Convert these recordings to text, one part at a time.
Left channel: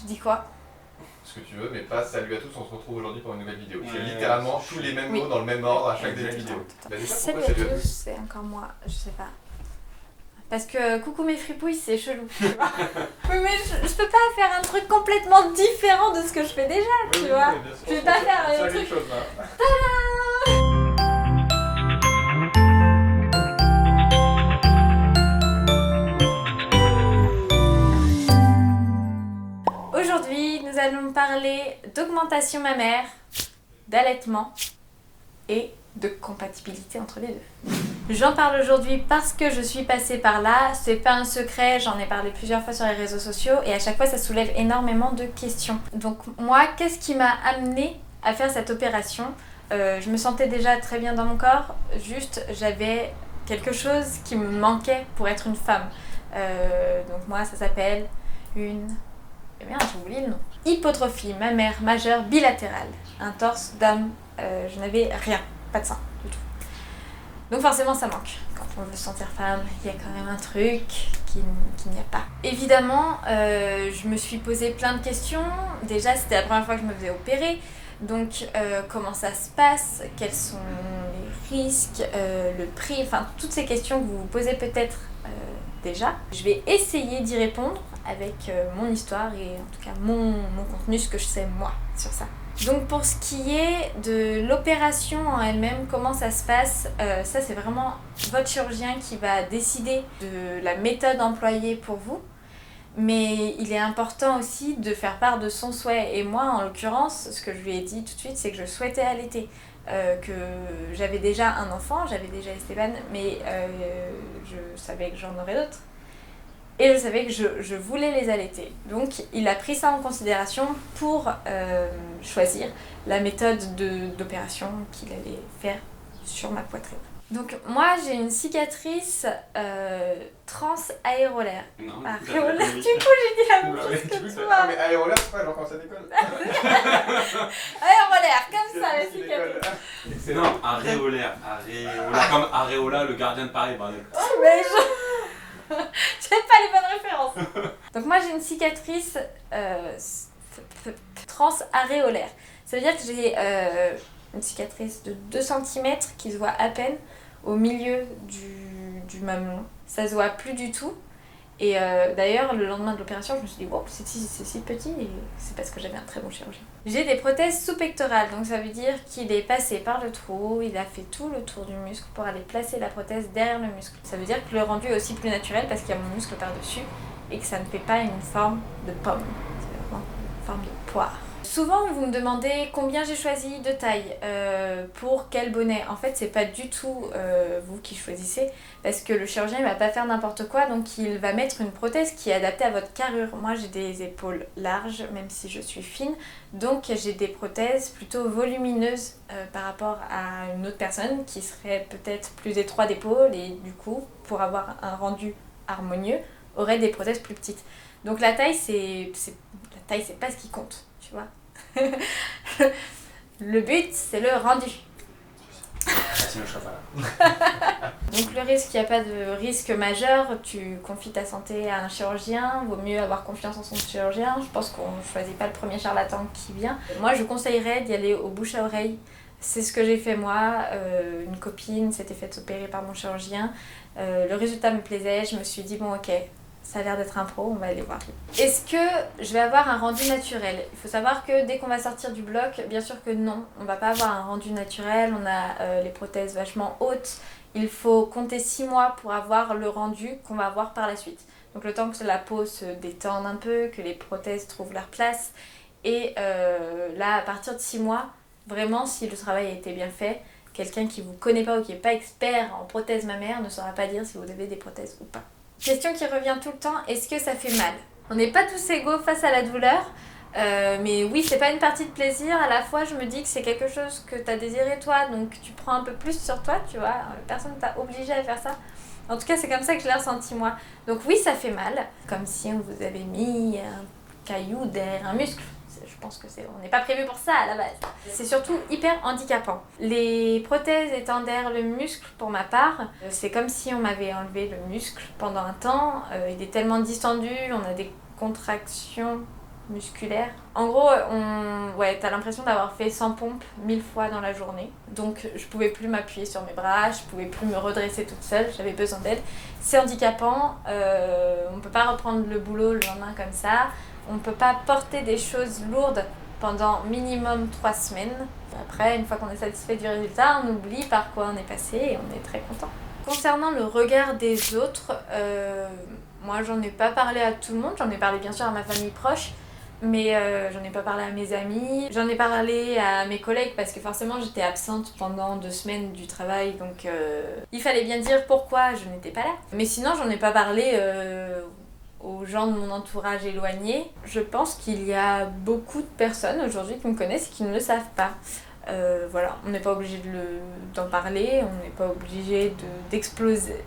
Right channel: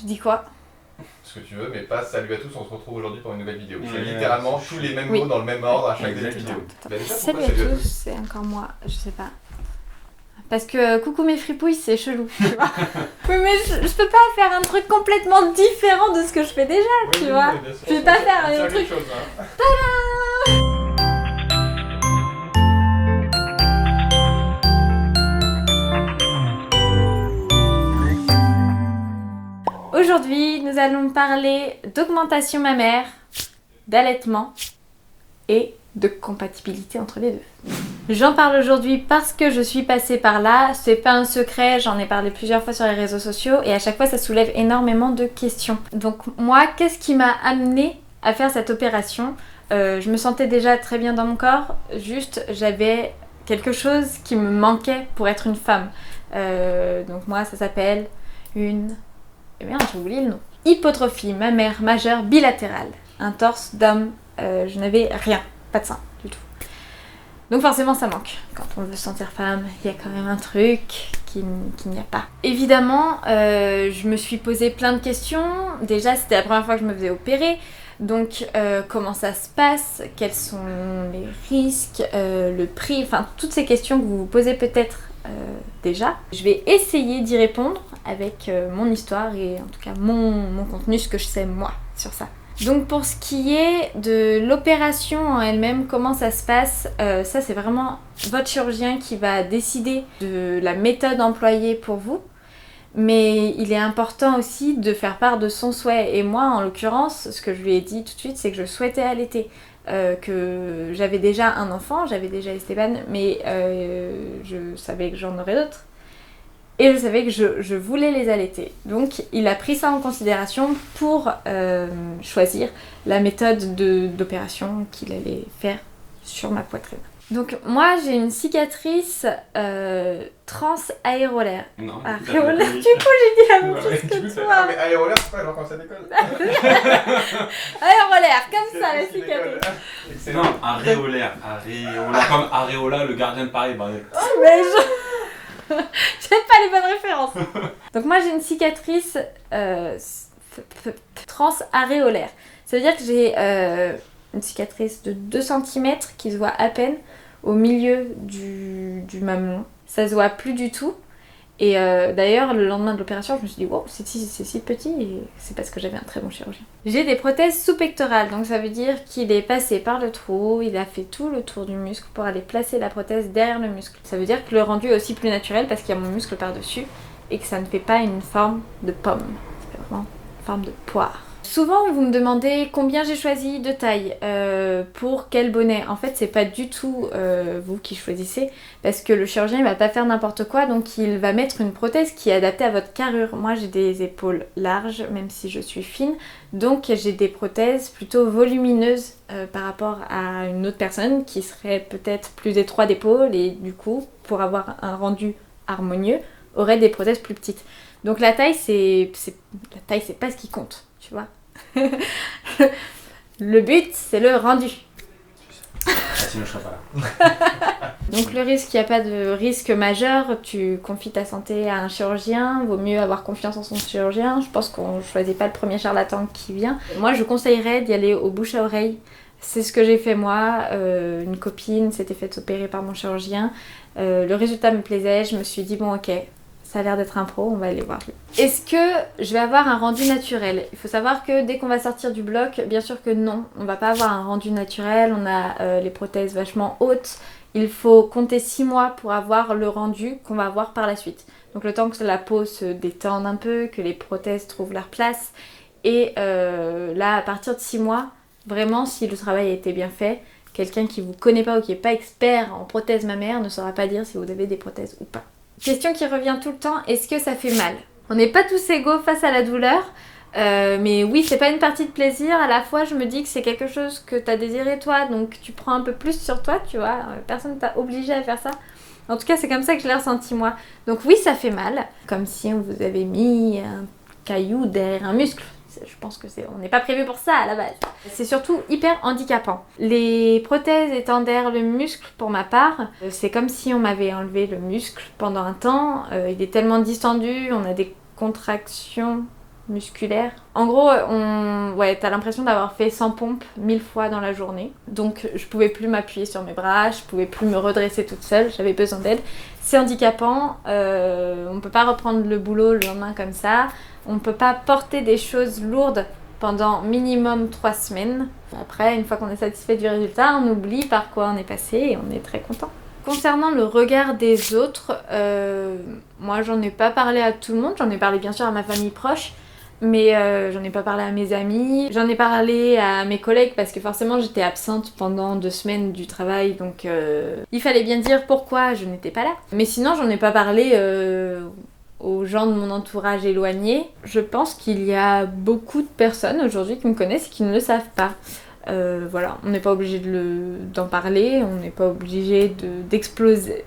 Je dis quoi? Ce que tu veux, mais pas salut à tous, on se retrouve aujourd'hui pour une nouvelle vidéo. C'est Ouais, littéralement c'est tous les mêmes Oui. mots dans le même ordre à chaque début de Exactement. vidéo. Bah déjà, Salut pourquoi à salut à tous, tous? c'est encore moi, je sais pas. Parce que coucou mes fripouilles, c'est chelou, tu vois. Oui, mais je peux pas faire un truc complètement différent de ce que je fais déjà, tu vois. bien sûr. Je vais pas faire On tient un truc. quelque chose, hein. Aujourd'hui, nous allons parler d'augmentation mammaire, d'allaitement et de compatibilité entre les deux. J'en parle aujourd'hui parce que je suis passée par là, c'est pas un secret, j'en ai parlé plusieurs fois sur les réseaux sociaux et à chaque fois ça soulève énormément de questions. Donc moi, qu'est-ce qui m'a amenée à faire cette opération? Je me sentais déjà très bien dans mon corps, juste j'avais quelque chose qui me manquait pour être une femme. Donc moi ça s'appelle une... Eh bien j'ai oublié le nom. Hypotrophie mammaire majeure bilatérale. Un torse d'homme, je n'avais rien, pas de sein du tout. Donc forcément ça manque. Quand on veut se sentir femme, il y a quand même un truc qu'il n'y a pas. Évidemment, je me suis posé plein de questions. Déjà c'était la première fois que je me faisais opérer. Donc comment ça se passe? Quels sont les risques? Le prix? Enfin toutes ces questions que vous vous posez peut-être déjà. Je vais essayer d'y répondre avec mon histoire et en tout cas mon contenu, ce que je sais moi sur ça. Donc pour ce qui est de l'opération en elle-même, comment ça se passe, ça c'est vraiment votre chirurgien qui va décider de la méthode employée pour vous. Mais il est important aussi de faire part de son souhait. Et moi en l'occurrence, ce que je lui ai dit tout de suite, c'est que je souhaitais allaiter. Que j'avais déjà un enfant, j'avais déjà Esteban, mais je savais que j'en aurais d'autres. Et je savais que je voulais les allaiter. Donc il a pris ça en considération pour choisir la méthode d'opération qu'il allait faire sur ma poitrine. Donc moi j'ai une cicatrice transaérolaire. Non, Aréolaire, du coup j'ai dit la même chose que Ah, toi. mais aérolaire, c'est pas genre quand ça décolle. Aérolaire, comme ça la C'est qui cicatrice. décolle. Excellent. Non, aréolaire. Aréola, comme Aréola, le gardien de Paris. Bah, Mais je... j'ai pas les bonnes références. Donc moi j'ai une cicatrice transaréolaire. Ça veut dire que j'ai une cicatrice de 2 cm qui se voit à peine au milieu du mamelon. Ça se voit plus du tout. Et d'ailleurs, le lendemain de l'opération, je me suis dit, wow, c'est si petit, et c'est parce que j'avais un très bon chirurgien. J'ai des prothèses sous-pectorales, donc ça veut dire qu'il est passé par le trou, il a fait tout le tour du muscle pour aller placer la prothèse derrière le muscle. Ça veut dire que le rendu est aussi plus naturel parce qu'il y a mon muscle par-dessus et que ça ne fait pas une forme de pomme, c'est vraiment une forme de poire. Souvent, vous me demandez combien j'ai choisi de taille, pour quel bonnet. En fait, c'est pas du tout vous qui choisissez, parce que le chirurgien il va pas faire n'importe quoi, donc il va mettre une prothèse qui est adaptée à votre carrure. Moi, j'ai des épaules larges, même si je suis fine, donc j'ai des prothèses plutôt volumineuses par rapport à une autre personne qui serait peut-être plus étroit d'épaule et du coup, pour avoir un rendu harmonieux, aurait des prothèses plus petites. Donc la taille, c'est pas ce qui compte, tu vois. Le but, c'est le rendu. sinon je serais pas là. Donc le risque, il n'y a pas de risque majeur, tu confies ta santé à un chirurgien, vaut mieux avoir confiance en son chirurgien, je pense qu'on ne choisit pas le premier charlatan qui vient. Moi je conseillerais d'y aller au bouche à oreille, c'est ce que j'ai fait moi, une copine s'était faite opérer par mon chirurgien, le résultat me plaisait, je me suis dit bon ok, ça a l'air d'être un pro, on va aller voir. Est-ce que je vais avoir un rendu naturel? Il faut savoir que dès qu'on va sortir du bloc, bien sûr que non, on va pas avoir un rendu naturel, on a les prothèses vachement hautes. Il faut compter 6 mois pour avoir le rendu qu'on va avoir par la suite. Donc le temps que la peau se détende un peu, que les prothèses trouvent leur place. Et là, à partir de 6 mois, vraiment, si le travail a été bien fait, quelqu'un qui vous connaît pas ou qui n'est pas expert en prothèses mammaires ne saura pas dire si vous avez des prothèses ou pas. Question qui revient tout le temps, est-ce que ça fait mal? On n'est pas tous égaux face à la douleur, mais oui, c'est pas une partie de plaisir. À la fois, je me dis que c'est quelque chose que t'as désiré toi, donc tu prends un peu plus sur toi, tu vois. Personne t'a obligé à faire ça. En tout cas, c'est comme ça que je l'ai ressenti moi. Donc oui, ça fait mal, comme si on vous avait mis un caillou derrière un muscle. Je pense que on n'est pas prévu pour ça à la base. C'est surtout hyper handicapant. Les prothèses étant derrière le muscle, pour ma part, c'est comme si on m'avait enlevé le muscle pendant un temps. Il est tellement distendu, on a des contractions musculaire. En gros, ouais, t'as l'impression d'avoir fait 100 pompes 1000 fois dans la journée. Donc je pouvais plus m'appuyer sur mes bras, je pouvais plus me redresser toute seule, j'avais besoin d'aide. C'est handicapant, on peut pas reprendre le boulot le lendemain comme ça. On peut pas porter des choses lourdes pendant minimum 3 semaines. Après, une fois qu'on est satisfait du résultat, on oublie par quoi on est passé et on est très content. Concernant le regard des autres, moi j'en ai pas parlé à tout le monde, j'en ai parlé bien sûr à ma famille proche, mais j'en ai pas parlé à mes amis, j'en ai parlé à mes collègues parce que forcément j'étais absente pendant 2 semaines du travail, donc il fallait bien dire pourquoi je n'étais pas là. Mais sinon j'en ai pas parlé aux gens de mon entourage éloigné. Je pense qu'il y a beaucoup de personnes aujourd'hui qui me connaissent et qui ne le savent pas. Voilà, on n'est pas obligé d'en parler, on n'est pas obligé d'exploser.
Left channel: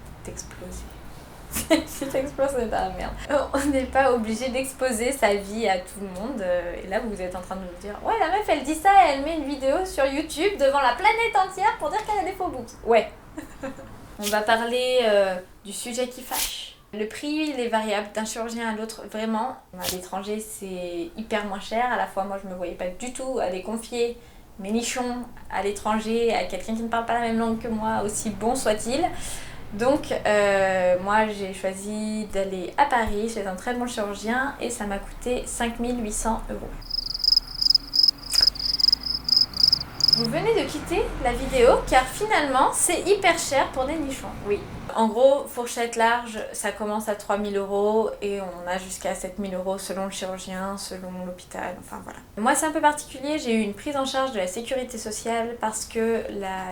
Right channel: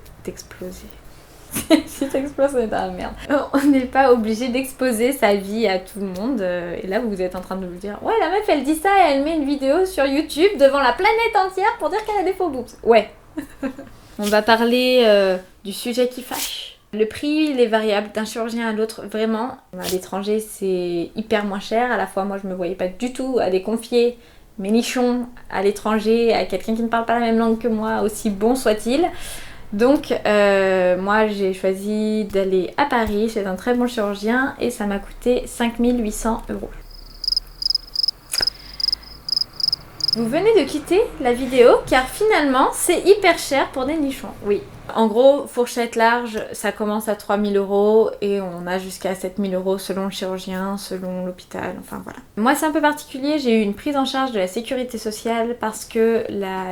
Si t'exploses, c'est de la merde. On n'est pas obligé d'exposer sa vie à tout le monde. Et là, vous êtes en train de vous dire, ouais, la meuf, elle dit ça et elle met une vidéo sur YouTube devant la planète entière pour dire qu'elle a des faux boobs. Ouais. On va parler du sujet qui fâche. Le prix, il est variable d'un chirurgien à l'autre, vraiment. À l'étranger, c'est hyper moins cher. À la fois, moi, je me voyais pas du tout aller confier mes nichons à l'étranger, à quelqu'un qui ne parle pas la même langue que moi, aussi bon soit-il. Donc moi j'ai choisi d'aller à Paris chez un très bon chirurgien et ça m'a coûté 5 800 €. Vous venez de quitter la vidéo car finalement c'est hyper cher pour des nichons, oui. En gros, fourchette large, ça commence à 3 000 € et on a jusqu'à 7 000 € selon le chirurgien, selon l'hôpital, enfin voilà. Moi c'est un peu particulier, j'ai eu une prise en charge de la sécurité sociale parce que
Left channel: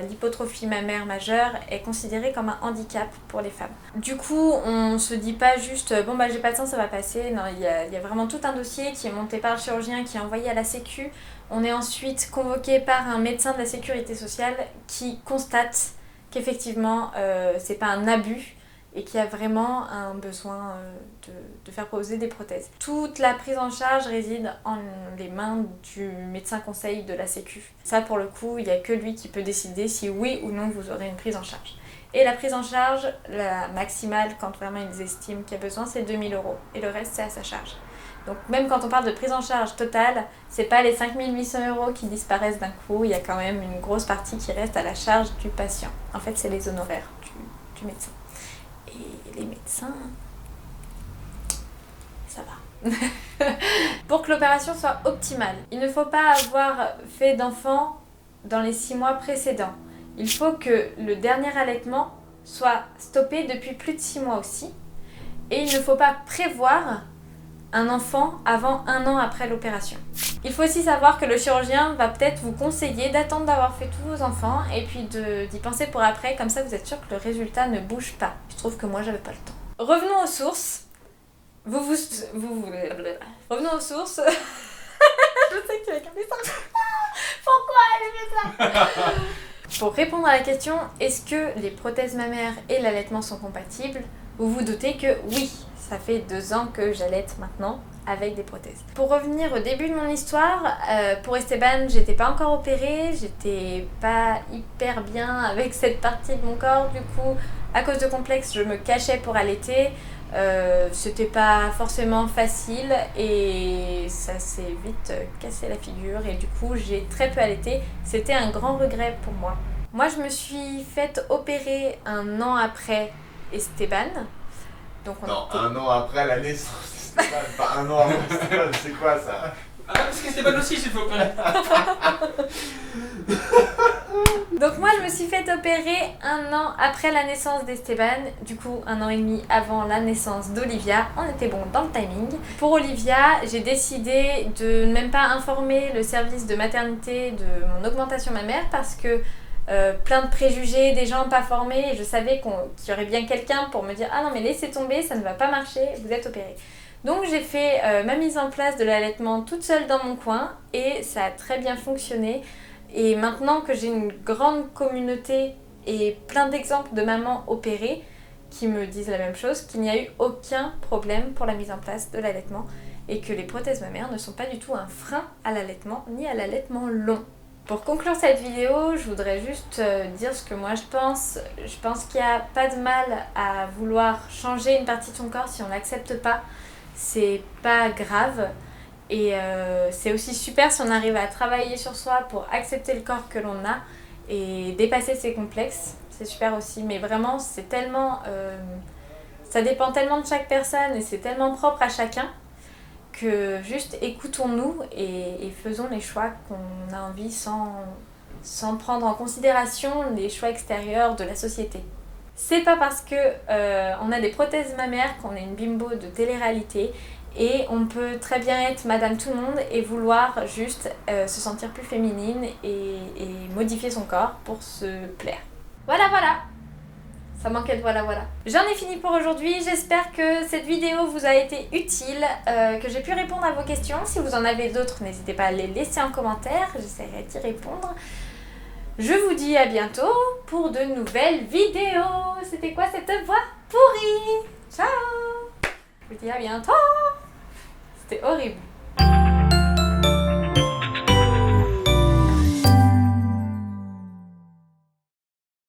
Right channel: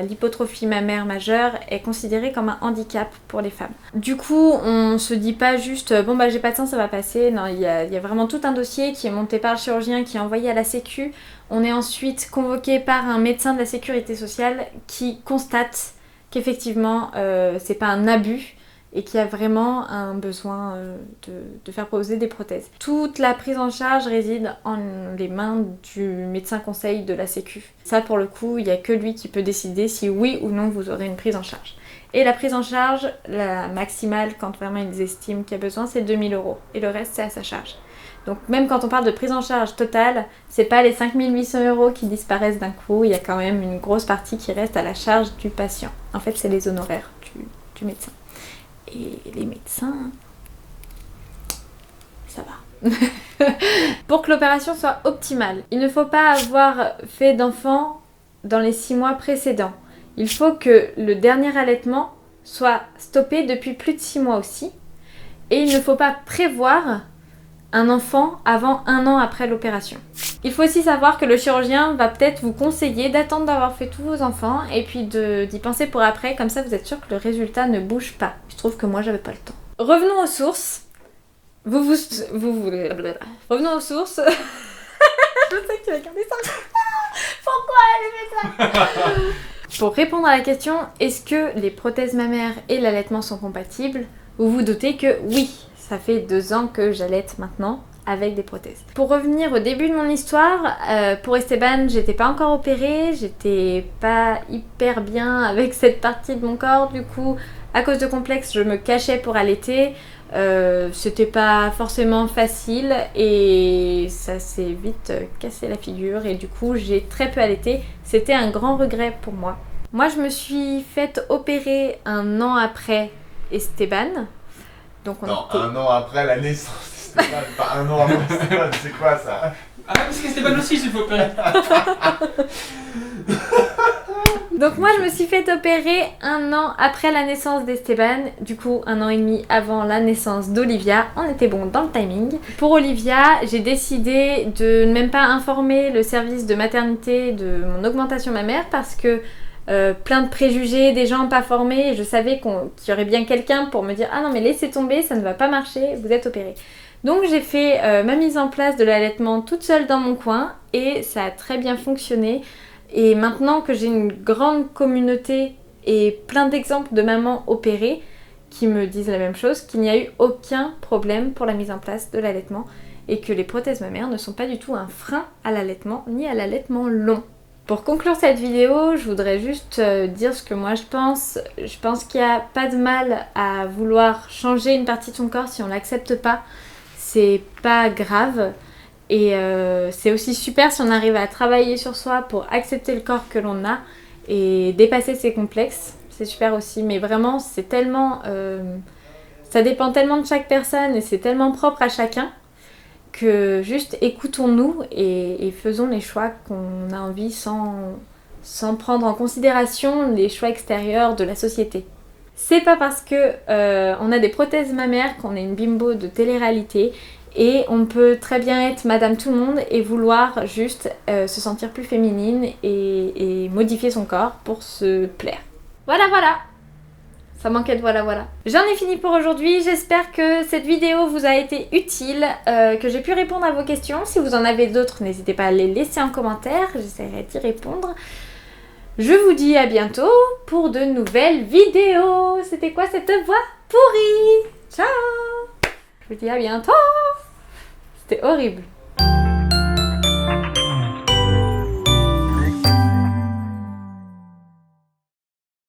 l'hypotrophie mammaire majeure est considérée comme un handicap pour les femmes. Du coup, on se dit pas juste bon bah j'ai pas de sein, ça va passer. Non, il y a vraiment tout un dossier qui est monté par le chirurgien, qui est envoyé à la sécu. On est ensuite convoqué par un médecin de la sécurité sociale qui constate qu'effectivement c'est pas un abus et qu'il y a vraiment un besoin de faire poser des prothèses. Toute la prise en charge réside en les mains du médecin conseil de la sécu. Ça pour le coup, il n'y a que lui qui peut décider si oui ou non vous aurez une prise en charge. Et la prise en charge, la maximale quand vraiment ils estiment qu'il y a besoin, c'est 2 000 € et le reste c'est à sa charge. Donc même quand on parle de prise en charge totale, c'est pas les 5 800 € qui disparaissent d'un coup, il y a quand même une grosse partie qui reste à la charge du patient. En fait, c'est les honoraires du médecin. Et les médecins, ça va. Pour que l'opération soit optimale, il ne faut pas avoir fait d'enfant dans les 6 mois précédents. Il faut que le dernier allaitement soit stoppé depuis plus de 6 mois aussi. Et il ne faut pas prévoir un enfant avant 1 an après l'opération. Il faut aussi savoir que le chirurgien va peut-être vous conseiller d'attendre d'avoir fait tous vos enfants et puis d'y penser pour après, comme ça vous êtes sûr que le résultat ne bouge pas. Je trouve que moi j'avais pas le temps. Revenons aux sources. Revenons aux sources. Je sais que tu vas garder ça. Pourquoi elle met ça? Pour répondre à la question, est-ce que les prothèses mammaires et l'allaitement sont compatibles? Vous vous doutez que oui. Ça fait 2 ans que j'allaite maintenant avec des prothèses. Pour revenir au début de mon histoire, pour Esteban, j'étais pas encore opérée, j'étais pas hyper bien avec cette partie de mon corps, du coup, à cause de complexes, je me cachais pour allaiter. C'était pas forcément facile et ça s'est vite cassé la figure et du coup, j'ai très peu allaité. C'était un grand regret pour moi. Moi, je me suis faite opérer 1 an après Esteban. Donc on Non, était... 1 an après la naissance d'Esteban, pas 1 an avant Esteban, c'est quoi ça? Ah, parce qu'Esteban aussi s'il faut opérer. Donc moi je me suis fait opérer 1 an après la naissance d'Esteban, du coup 1 an et demi avant la naissance d'Olivia, on était bon dans le timing. Pour Olivia, j'ai décidé de ne même pas informer le service de maternité de mon augmentation mammaire parce que plein de préjugés, des gens pas formés, et je savais qu'il y aurait bien quelqu'un pour me dire ah non mais laissez tomber, ça ne va pas marcher, vous êtes opérée. Donc j'ai fait ma mise en place de l'allaitement toute seule dans mon coin et ça a très bien fonctionné. Et maintenant que j'ai une grande communauté et plein d'exemples de mamans opérées qui me disent la même chose, qu'il n'y a eu aucun problème pour la mise en place de l'allaitement et que les prothèses mammaires ne sont pas du tout un frein à l'allaitement ni à l'allaitement long. Pour conclure cette vidéo, je voudrais juste dire ce que moi je pense. Je pense qu'il n'y a pas de mal à vouloir changer une partie de son corps si on l'accepte pas. C'est pas grave. Et c'est aussi super si on arrive à travailler sur soi pour accepter le corps que l'on a et dépasser ses complexes. C'est super aussi, mais vraiment c'est tellement... ça dépend tellement de chaque personne et c'est tellement propre à chacun que juste écoutons-nous et faisons les choix qu'on a envie sans prendre en considération les choix extérieurs de la société. C'est pas parce que on a des prothèses mammaires qu'on est une bimbo de télé-réalité et on peut très bien être madame tout le monde et vouloir juste se sentir plus féminine et modifier son corps pour se plaire. Voilà. Ça manquait de voilà. J'en ai fini pour aujourd'hui, j'espère que cette vidéo vous a été utile, que j'ai pu répondre à vos questions. Si vous en avez d'autres, n'hésitez pas à les laisser en commentaire, j'essaierai d'y répondre. Je vous dis à bientôt pour de nouvelles vidéos. C'était quoi cette voix pourrie? Ciao! Je vous dis à bientôt! C'était horrible.